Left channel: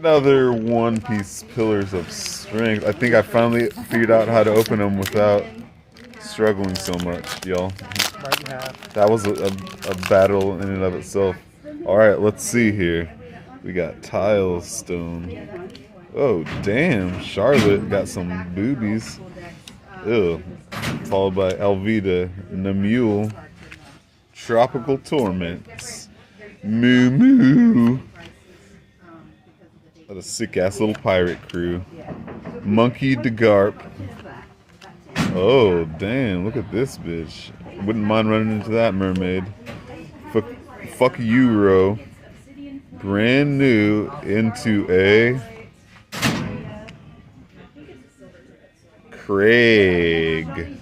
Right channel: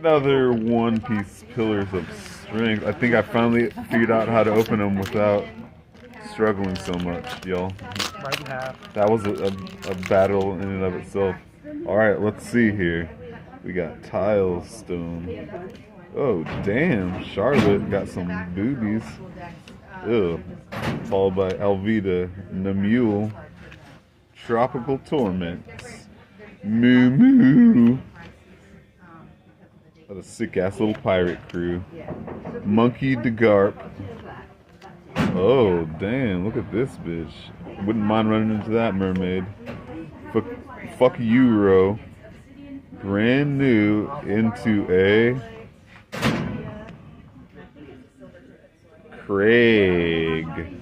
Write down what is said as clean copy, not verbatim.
Another One Piece Pillars of Strength. I think I finally figured out how to open them without struggling so much, y'all. Right in half. That was a battle in and of itself. Alright, let's see here. We got Tile Stone. Oh, damn. Charlotte got some boobies. Ugh. Followed by Alvida, Namule, Tropical Torments, Moo Moo. What a sick ass little pirate crew. Monkey DeGarp. Oh, damn. Look at this bitch. Wouldn't mind running into that mermaid. Fuck Euro. Brand new into a Craig.